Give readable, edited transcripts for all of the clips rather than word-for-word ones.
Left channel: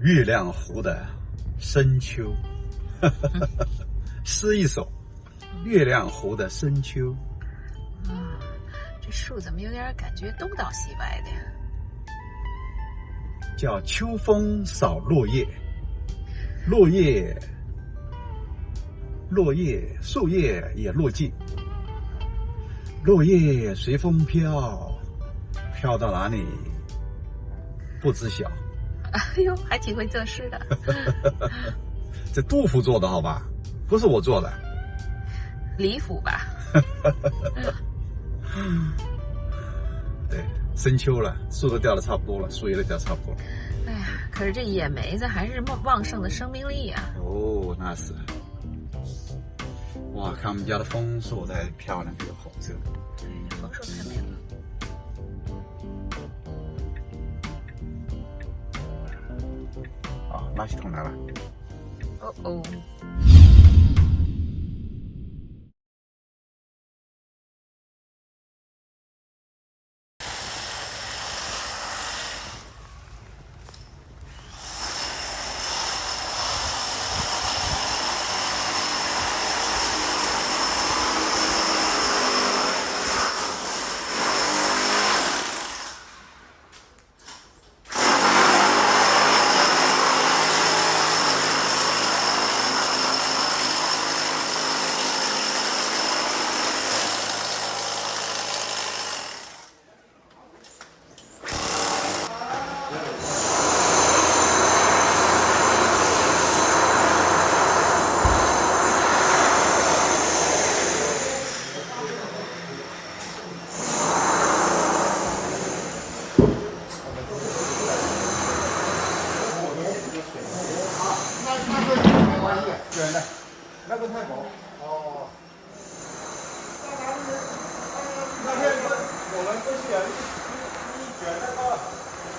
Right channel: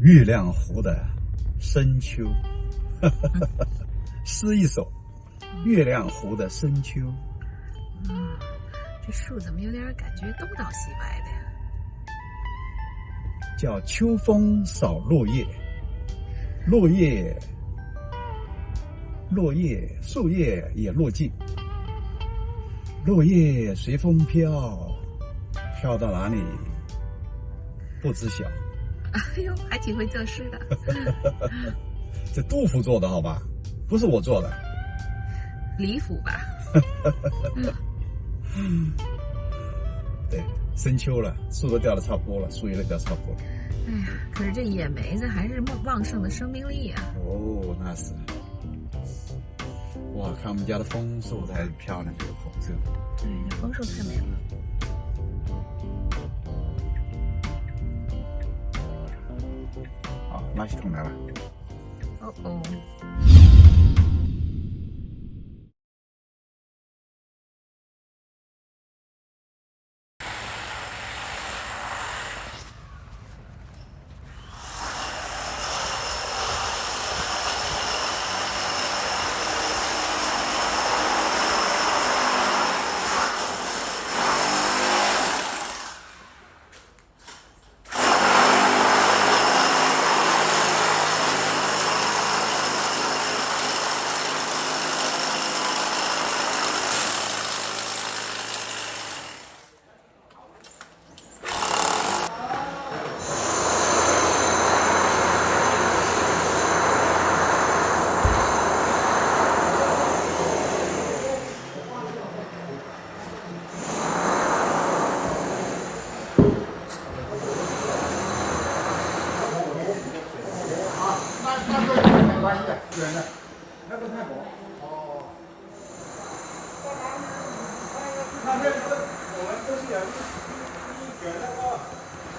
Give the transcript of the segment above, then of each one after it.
月亮湖的深秋，诗一首《月亮湖的深秋》。这树怎么有点感觉东倒西歪的呀？叫秋风扫落叶，落叶，树叶也落尽，落叶随风飘，飘到哪里不知晓。哎呦，还挺会作诗的。这杜甫做的好吧，不是我做的。李府吧。对，深秋了，树都掉的差不多了，树叶都掉差不多了。哎呀，可是这野梅子还是旺盛的生命力啊！哦，那是。哇，看我们家的枫树才漂亮，这个红色。对，枫树太美了。好，垃圾桶来了。哦哦。那个太薄。哦。那边有人过去了，一卷那个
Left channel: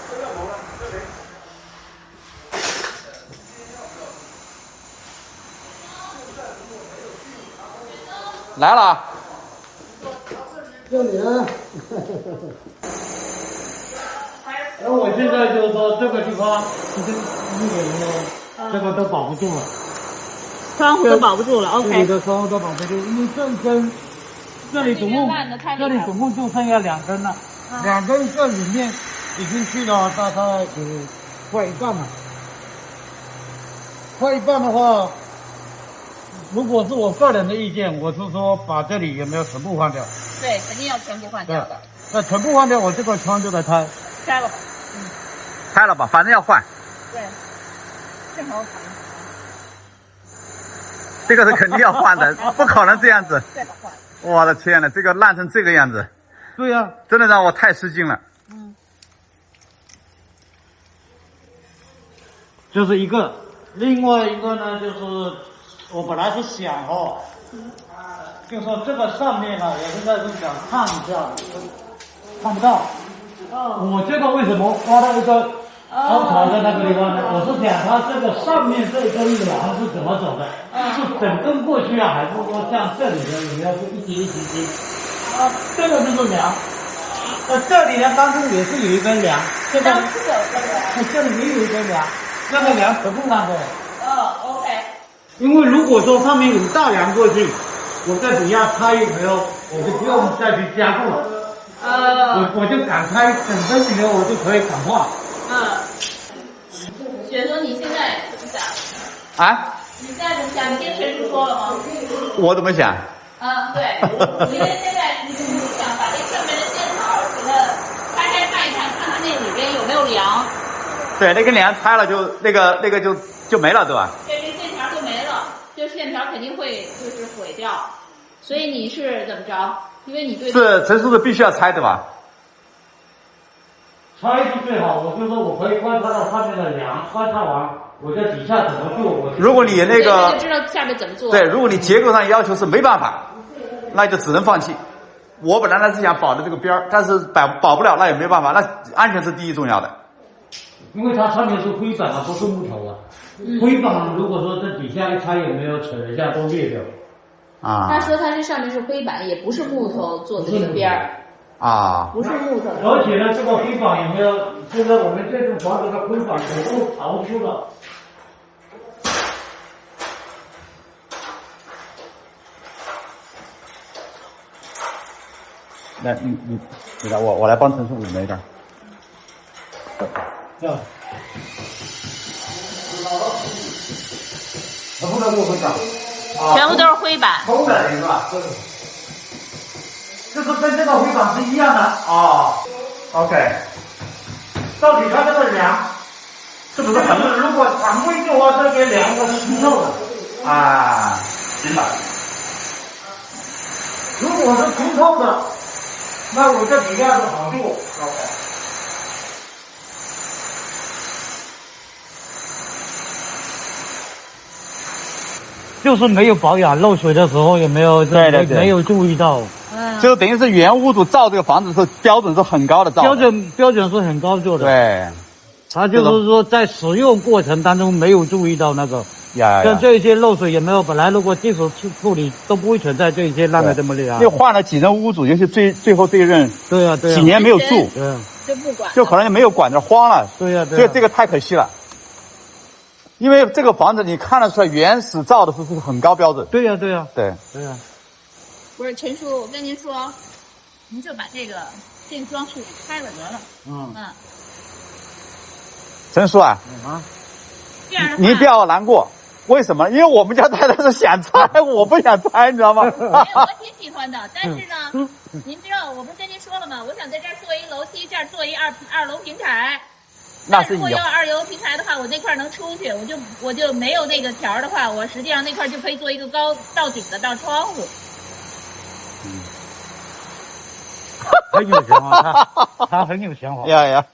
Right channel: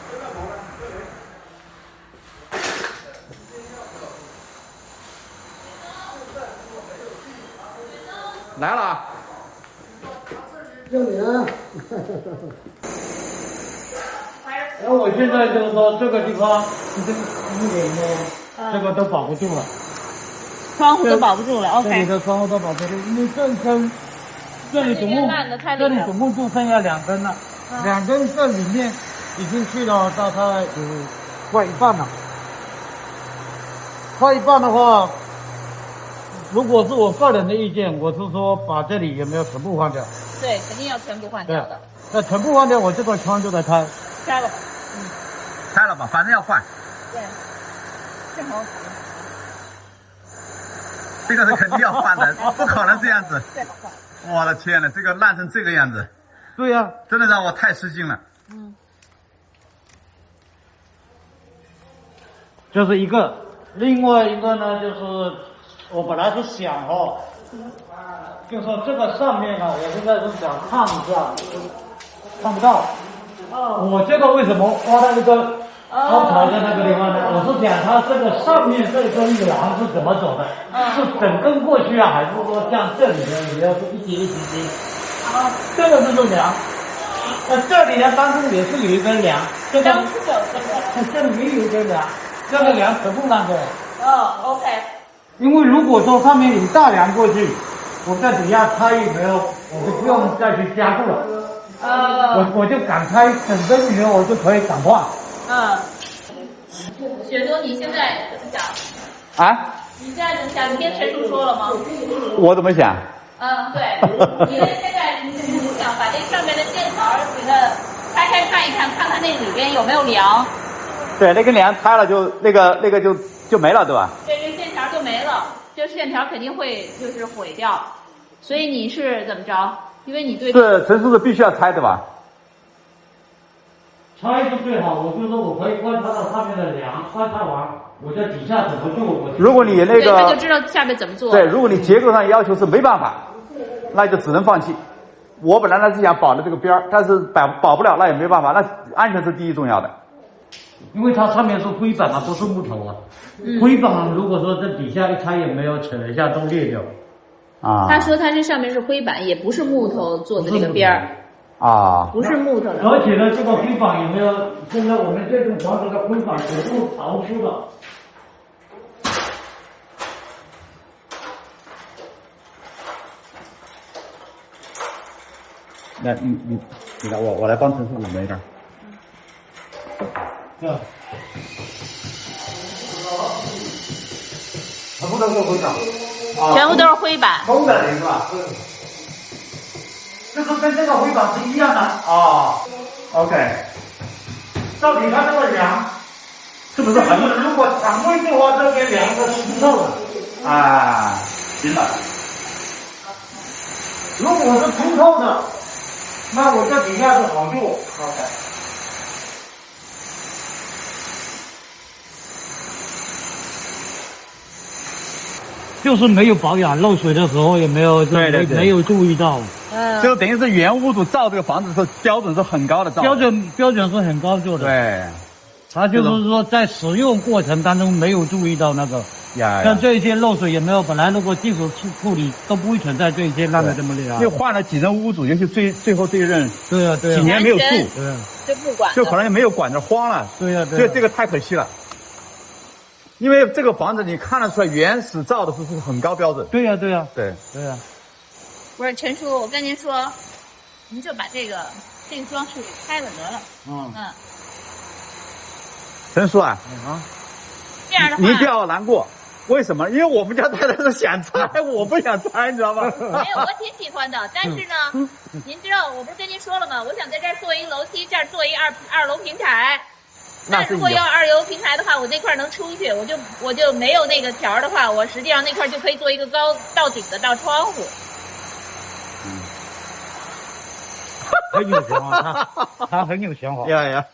这个龙啊，这里。来了。就你了。然后我现在就是说，这个地方已经1点了，这个都保不住了。窗户都保不住了 ，OK。这里的窗户都保不住，因为这里总共就剩下2根了，2根这里面已经去了大概有快一半了。快一半的话，如果是我个人的意见，我是说把这里有没有全部换掉？对，肯定要全部换掉的。那全部换掉，我这个窗就得拆。拆了吧。拆了吧，反正要换。对，正好。这个是肯定要换的，不可能这样子。最好换。我的天呐，这个烂成这个样子。对呀，真的让我太吃惊了。这是一个，另外一个呢，就是我本来是想就说这个上面呢，我现在是想看一下，看不到。我这个为什么挖到一个凹槽在那个地方呢？我是想它这个上面这个梁是怎么走的？是整根过去啊，还是说像这里的你要是一级一级级？这个就是梁。这里呢当中也是有一根梁，这个这里也有一根梁，这个梁全部上去了。OK。因为如果说上面有大梁过去，我在底下拆有没有，我就不用再去加固了。我就敢拆整根里面，我就可以敢换。雪松，你现在怎么想？啊？你现在怎么想？你跟陈叔说了吗？我怎么想？对，因为现在你想把这上面的线条给它拆开看一看，看看那里边有没有梁。对，那根梁拆了就那个就没了，对吧？对，这线条就没了，这线条肯定会就是毁掉。所以你是怎么着？因为你对是陈叔是必须要拆的吧？拆是最好，我就说我可以观察到上面的梁，观察完我在底下怎么做。如果你那个就知道下面怎么做。对，如果你结构上要求是没办法，那就只能放弃。我本来呢是想保的这个边儿，但是保不了，那也没办法，那安全是第一重要的。因为它上面是灰板啊，不是木头啊。灰板如果说这底下一拆也没有扯一下都裂掉。他说他这上面是灰板，也不是木头做的这个边儿。啊，不是木头。而且呢，这个灰板也没有现在我们这栋房子的规划全部逃出了。来，你来，我来帮陈述5枚的。啊。全部都是灰板。全部都是灰板。红的是吧？这个跟这个灰板是一样的。啊。OK。到底它这个梁是不是很？如果常规的话，这边梁是清透的。啊，行吧。如果是清透的，那我这底下是好做。OK。就是没有保养，漏水的时候也没有对没有注意到。就等于是原屋主造这个房子是标准是很高的造的。标准是很高做的。对。他就是说在使用过程当中没有注意到那个。像这一些漏水也没有，本来如果技术处理都不会存在这一些烂的这么厉害。又换了几任屋主，尤其最后这一任，对啊，几年没有住，就不管，就可能就没有管着荒了。对呀，所以这个太可惜了。因为这个房子你看得出来，原始造的是很高标准。对呀。对。不是陈叔，我跟您说，您就把这个装饰给拆了得了。陈叔啊，这样的话你不要难过。为什么？因为我们家太太是想拆，我不想拆，你知道吗？没有，我挺喜欢的。但是呢，您知道我不是跟您说了吗？我想在这儿做一个楼梯，这儿做一二楼平台。那如果要2楼平台的话，我那块能出去，我就没有那个条的话，我实际上那块就可以做一个高到顶的大窗户。很有想法，他很有想法。呀，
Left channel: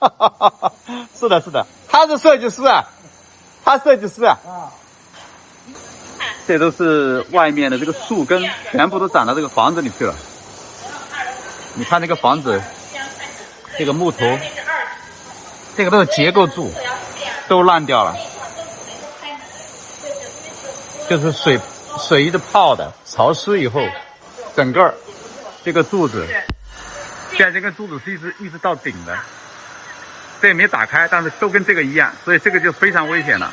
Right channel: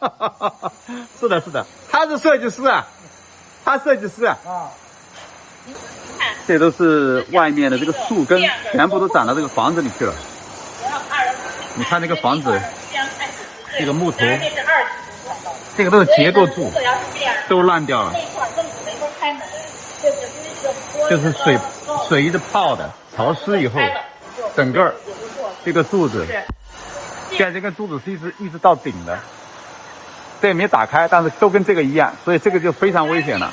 是的，他是设计师啊，这都是外面的这个树根，全部都长到这个房子里去了。你看那个房子，这个木头，这个都是结构柱，都烂掉了。就是水一直泡的，潮湿以后，整个这个柱子，现在这个柱子是一直到顶的，这也没打开，但是都跟这个一样，所以这个就非常危险了，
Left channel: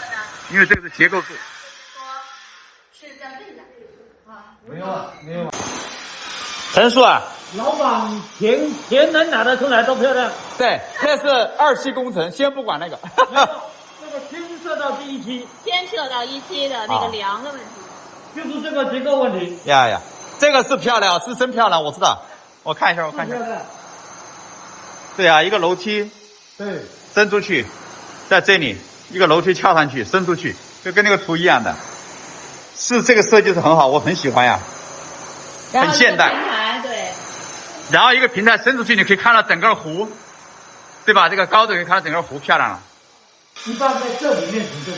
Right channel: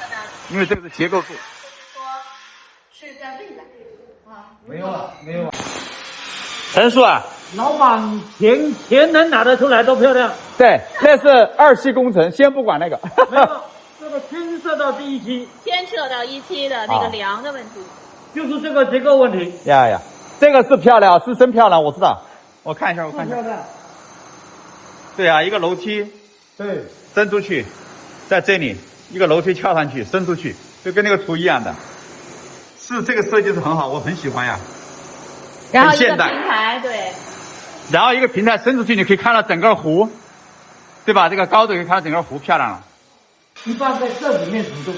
因为这个是结构柱。是在这个没有啊。陈叔啊，老板钱能拿得出来都漂亮。对，那是2期工程，先不管那个。这个牵涉到第1期，牵涉到1期的那个梁的问题，就是这个结构问题。呀，这个是漂亮，是真漂亮，我知道。我看一下。对啊，一个楼梯，对，伸出去，在这里一个楼梯跳上去，伸出去，就跟那个图一样的。是这个设计是很好，我很喜欢呀，很现代。平台对。然后一个平台伸出去，你可以看到整个湖，对吧？这个高度可以看到整个湖，漂亮了。一般在这里面行动。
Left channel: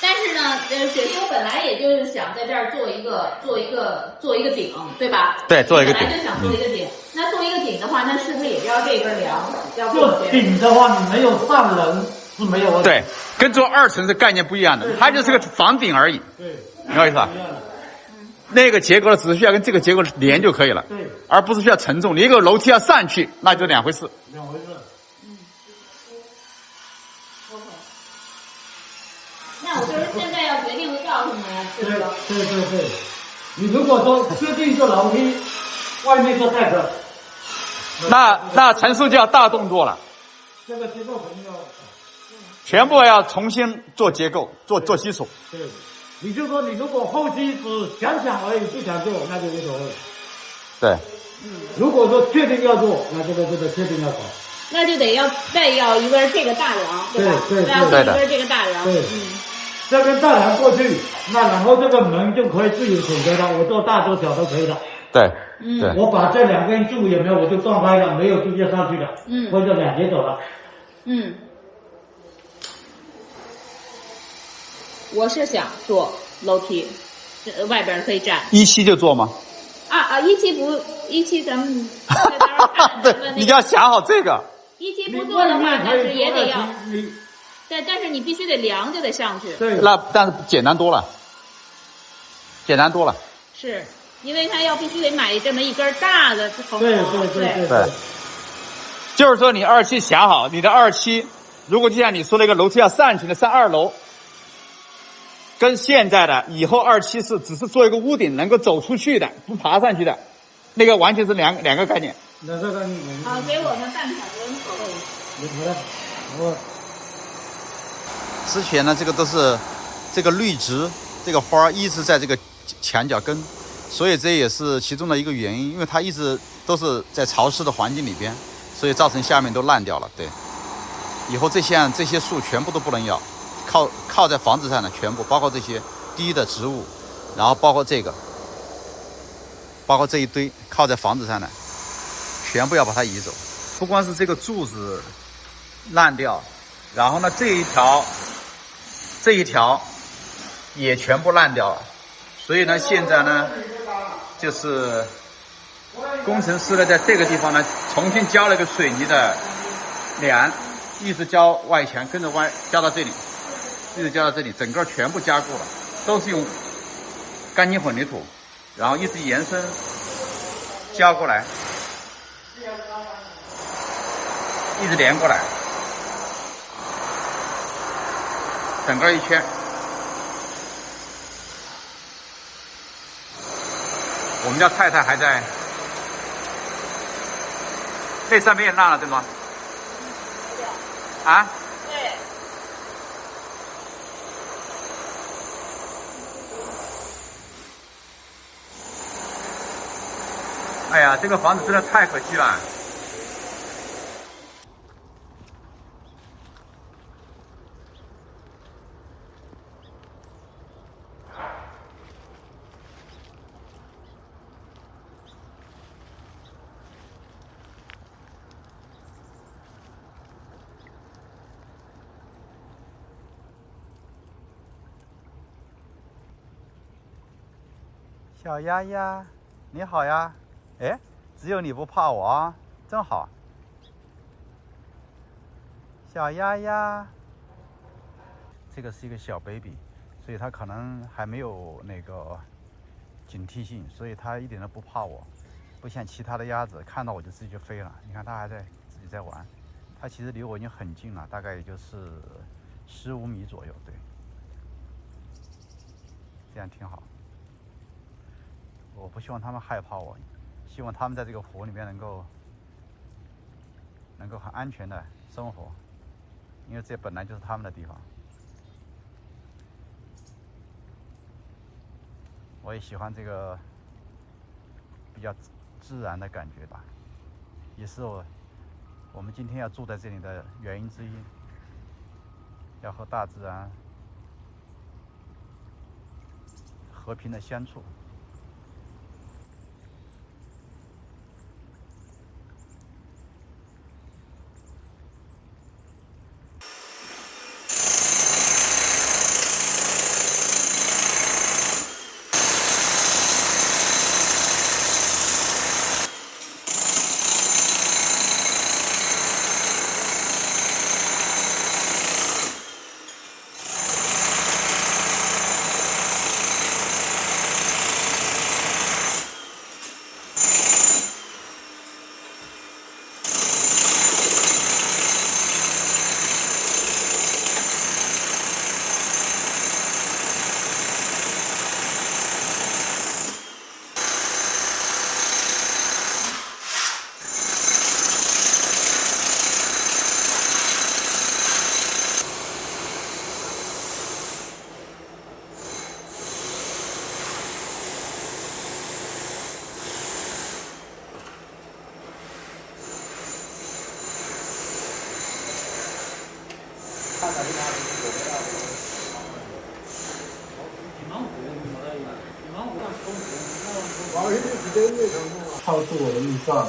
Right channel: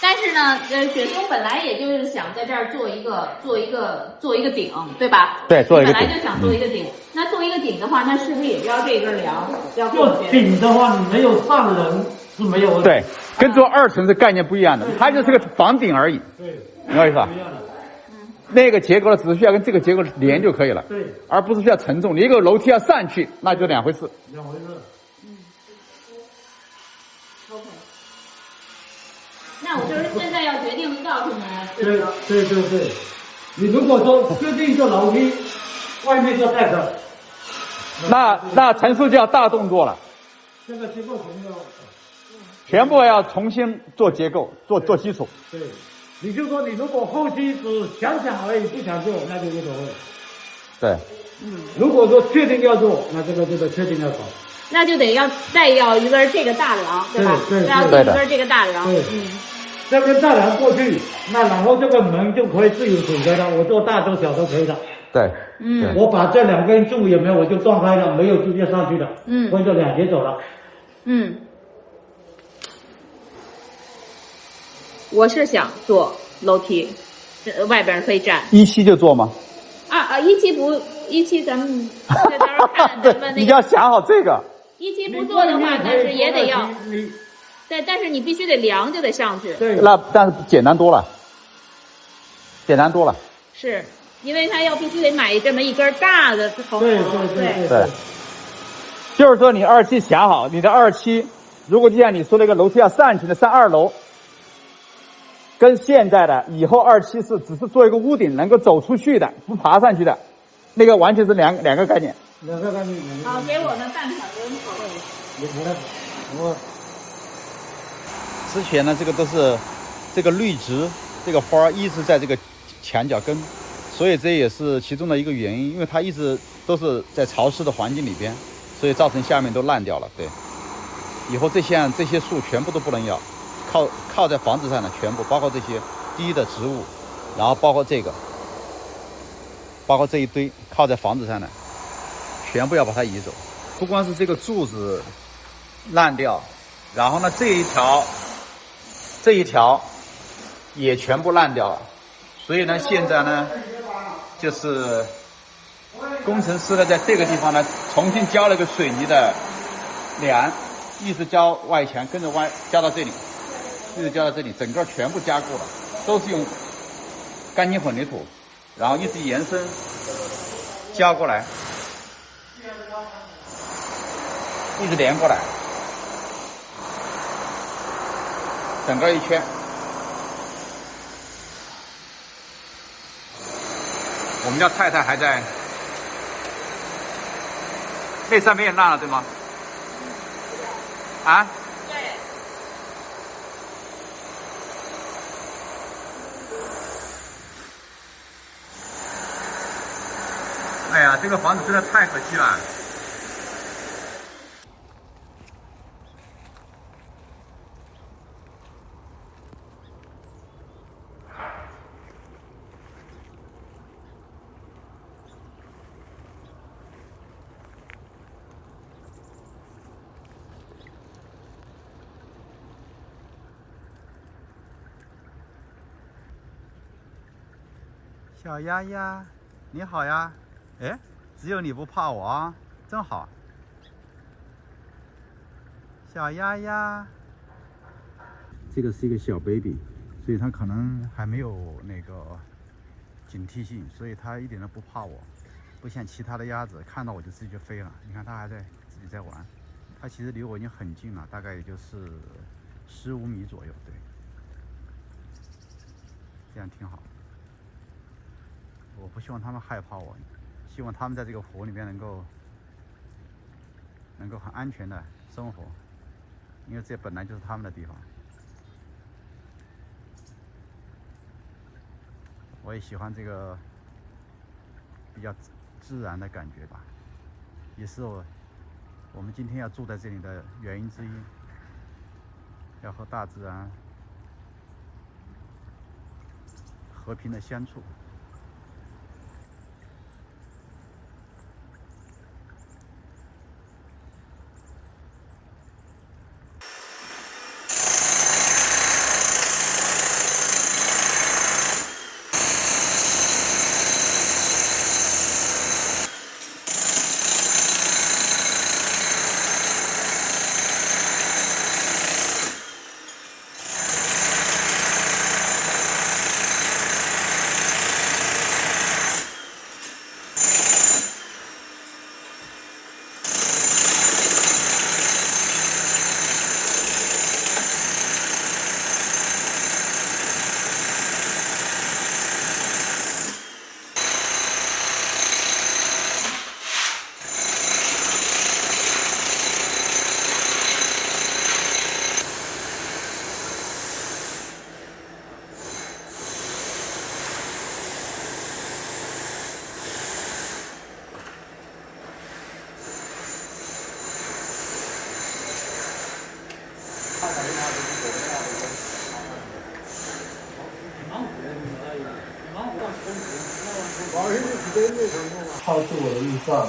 但是呢，雪松本来也就是想在这儿做一个顶，对吧？对，做一个顶。本来就想做一个顶。那做一个顶的话，那是不是也要这根梁要过去？顶的话，你没有上人是没有问题。对，跟做2层是概念不一样的，它就是个房顶而已。对，明白意思吧？那个结构呢，只是需要跟这个结构连就可以了，对，而不是需要承重。你一个楼梯要上去，那就2回事。那我就是现在要决定告诉你了，对吧？对，你如果说设计一个楼梯，外面做太高，那陈述就要大动作了。这个结构肯定要，全部要重新做结构，做基础。对，你就说你如果后期只想而已，不想做，那就无所谓。对，如果说确定要做，那这个确定要搞。那就得再要一根这个大梁，对吧？对，要做一根这个大梁。对，这根大梁过去，那然后这个门就可以自由选择了，我做大做小都可以的。对，我把这2根柱有没有我就断开了，没有直接上去的，或者2节走了。我是想做楼梯，外边可以站。1期就做吗？1期咱们在那儿看咱们那个。你要想好这个。1期不做的话，但是也得要。对，但是你必须得梁就得上去。对。但是简单多了。是因为他必须得买这么一根大的横梁。对。就是说你2期想好，你的2期，如果就像你说那个楼梯要上去的，上2楼，跟现在的以后2期是只是做一个屋顶，能够走出去的，不爬上去的，那个完全是两个概念。两个概念。好，给我们办法人讨论。之前呢，这个都是这个绿植，这个花一直在这个墙角根，所以这也是其中的一个原因，因为它一直都是在潮湿的环境里边，所以造成下面都烂掉了。对，以后这些树全部都不能要，靠在房子上的全部，包括这些低的植物，然后包括这个，包括这一堆靠在房子上的，全部要把它移走。不光是这个柱子烂掉，然后呢这一条也全部烂掉了，所以呢现在呢就是工程师呢在这个地方呢重新浇了个水泥的梁，一直浇外墙，跟着浇到这里，一直浇到这里，整个全部加固了，都是用干净混凝土，然后一直延伸浇过来，一直连过来，整个一圈。我们家太太还在，那上面也烂了，对吗？啊？对。哎呀，这个房子真的太可惜了。小丫丫，你好呀！哎，只有你不怕我啊，真好。小丫丫，这个是一个小 baby， 所以它可能还没有那个警惕性，所以它一点都不怕我，不像其他的鸭子看到我就自己就飞了。你看它还在自己在玩，它其实离我已经很近了，大概也就是15米左右，对，这样挺好。我不希望他们害怕我，希望他们在这个湖里面能够很安全的生活，因为这本来就是他们的地方。我也喜欢这个比较自然的感觉吧，也是我们今天要住在这里的原因之一，要和大自然和平的相处。超出我的预算，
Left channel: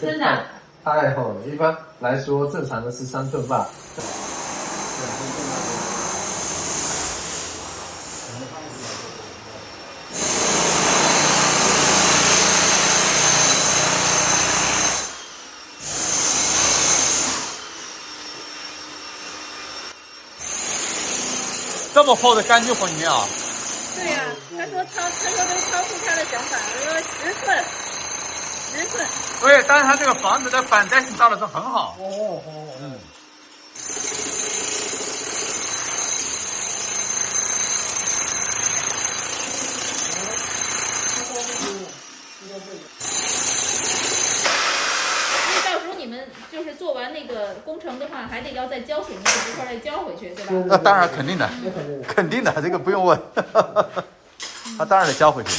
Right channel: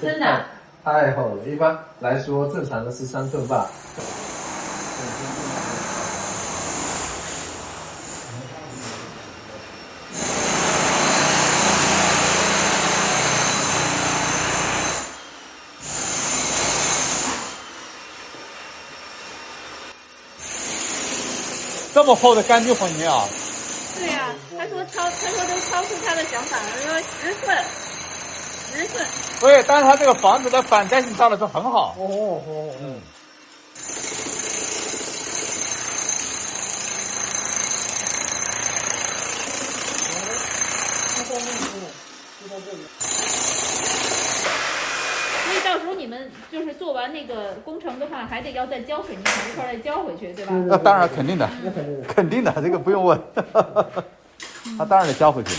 真的太厚了。一般来说，正常的13寸半。这么厚的干净混凝啊！对呀、他说都超出他的想法了，说10寸。直性。对，但是它这个房子的反弹性到的是很好。哦，嗯。所以到时候你们就是做完那个工程的话，还得要再浇水泥整一块再浇回去，对吧？那当然肯定的，肯定的，这个不用问。他当然得交回去。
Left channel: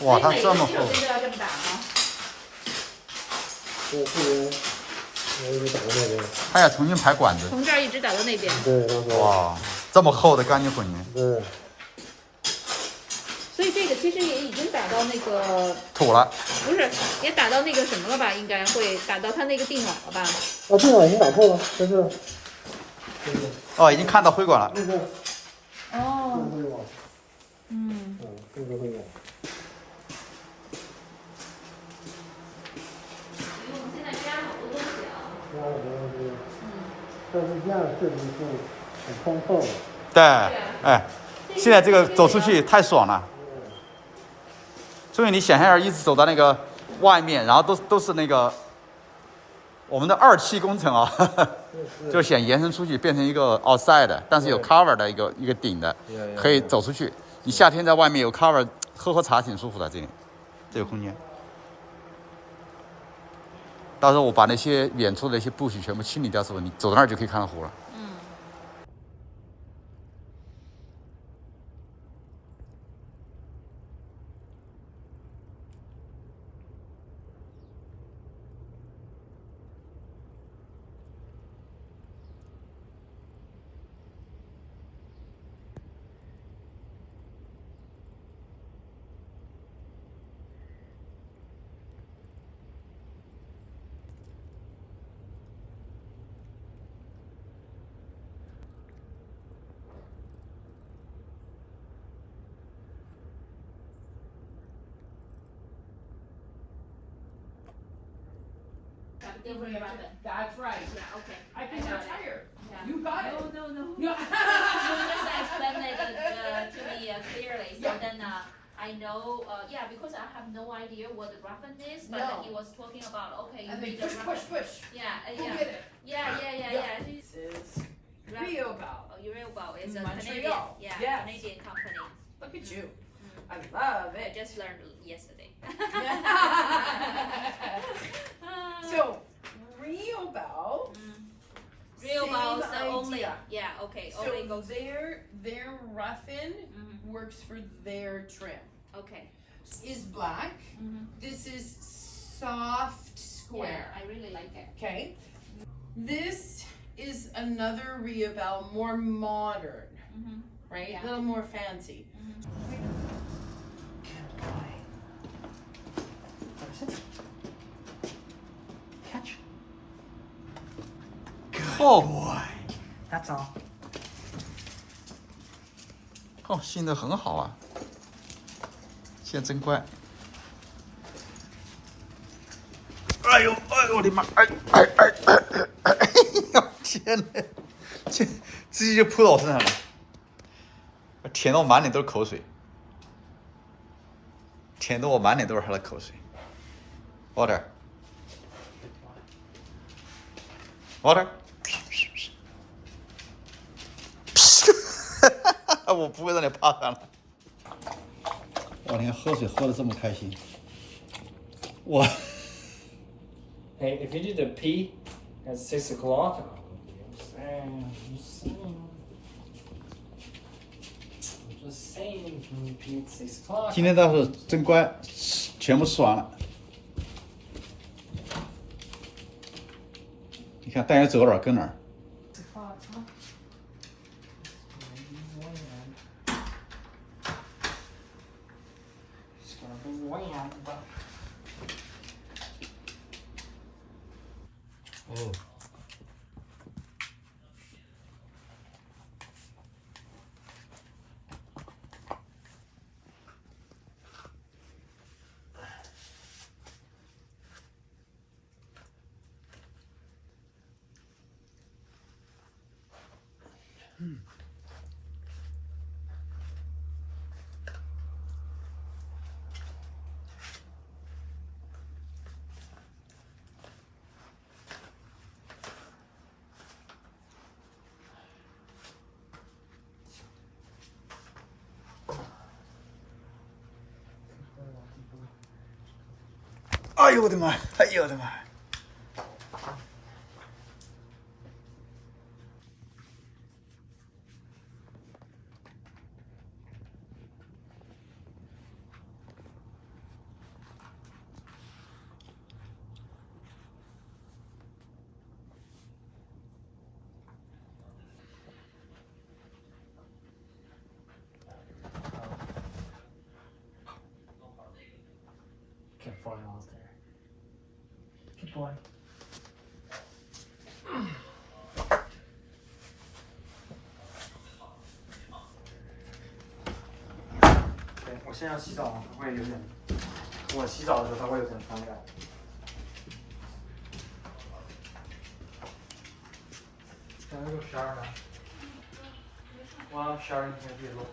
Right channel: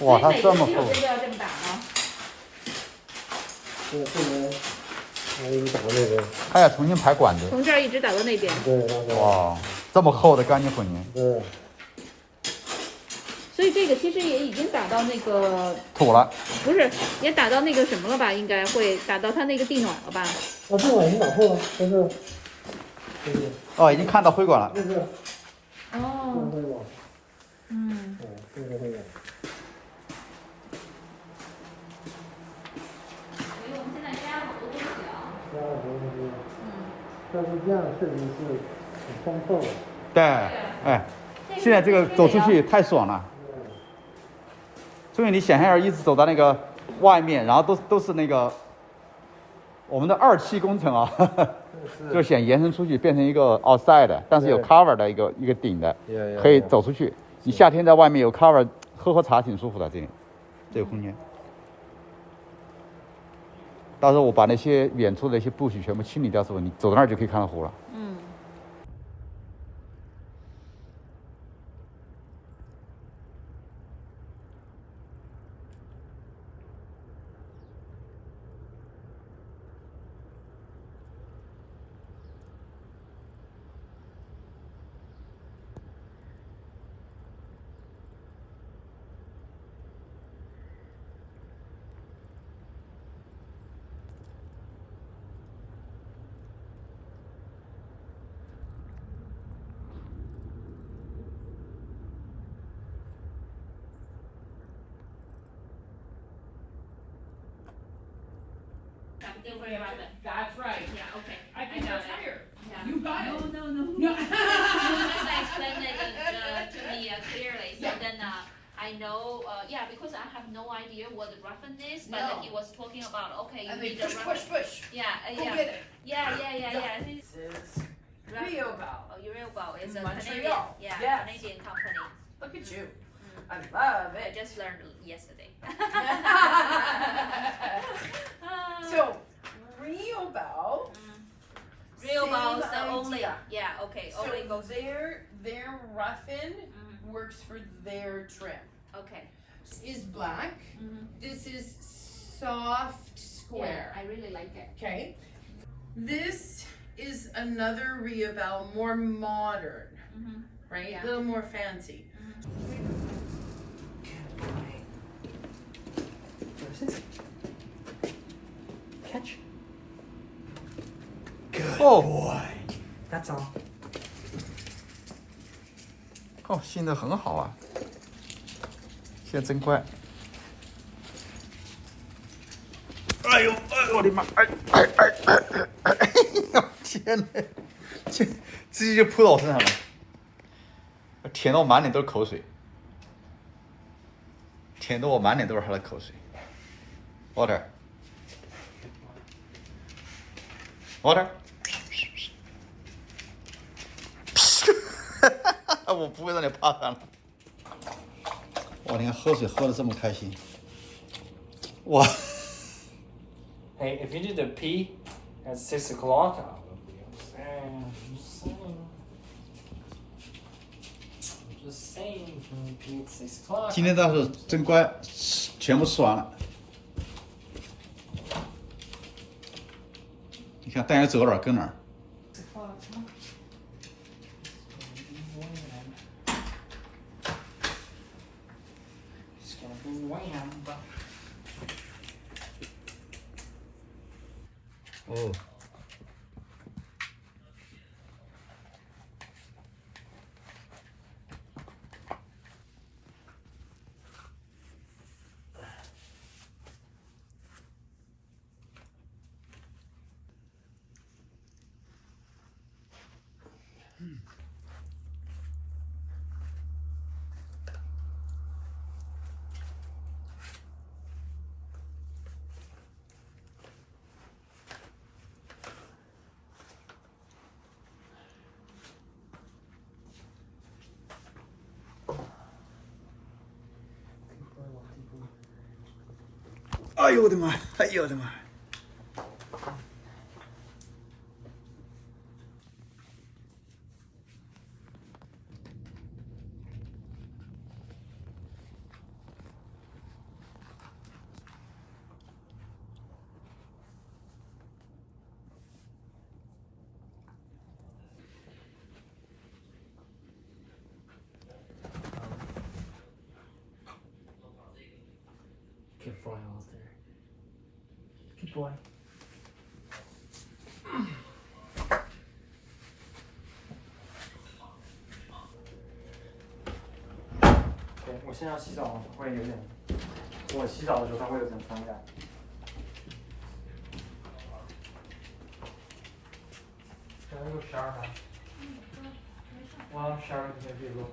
哇，它这么厚。就要这么打吗？这个我给你打到那边。他要重新排管子。从这儿一直打到那边。对。哇，这么厚的钢筋混凝。对。所以这个其实也已经打到那个土了。不是，也打到那个什么了吧？应该会打到它那个地暖了吧？哦，地暖已经打透了，这是。哦，已经看到灰管了。这是。哦。灰管。嗯。哦，这个灰管。因为我们现在加了好多东西啊。加了好多东西。但是这样确实是很通透的。对，哎，现在这个走出去太爽了。所以你想象一下，一直走到那个外面，然后都是那个我们的2期工程啊，就想延伸出去变成一个 outside 的，但是有 cover 的一个顶的，可以走出去。你夏天在外面有 cover， 喝茶挺舒服的，这个空间。到时候我把那些远处的那些布许全部清理掉之后，你走到那儿就可以看到湖了。That's right. Yeah. Okay. I think that's higher. You got it. No. You just explained it to me clearly. So then I know. Yeah, because I have no idea what the reference is, but he was talking about. Okay, you need a reference. Push. Yeah. Go get it. Yeah. This is Riobel. Oh, Riobel is a Montreal. Canadian. Yeah, Yes. Canadian company. Look at you. I love I it. just learned yesterday. So, Riobel. Riobel is the same only. idea. Yeah. Okay. So Only goes. their roughen works for their trim. Okay. Is black. This is soft square. Yeah, I really like it. Okay. This is another Riobel, more modern, right? Yeah. A little more fancy. Catch. 哦， That's all. 哦，现在很好啊，现在真乖。哎呦，我的妈！哎呦，天哪！这直接就扑到我身上了，舔得我满脸都是口水，舔得我满脸都是他的口水。Water。我不会让你趴上了。我连喝水喝得这么开心，我。Hey, if you did the pee at 6 o'clock, I would be upset. I'm just saying, if you pee at 6 o'clock. 今天倒是真乖，全部吃完了。你看，带人走到哪儿跟哪儿。Just gonna be wham, but. 哦。哎呦我的妈！哎呦我的妈！Keep falling off there. Keep going. 对，我现在要洗澡，会有点，我洗澡的时候它会有点传染。现在给我12呢。我12 maybe look.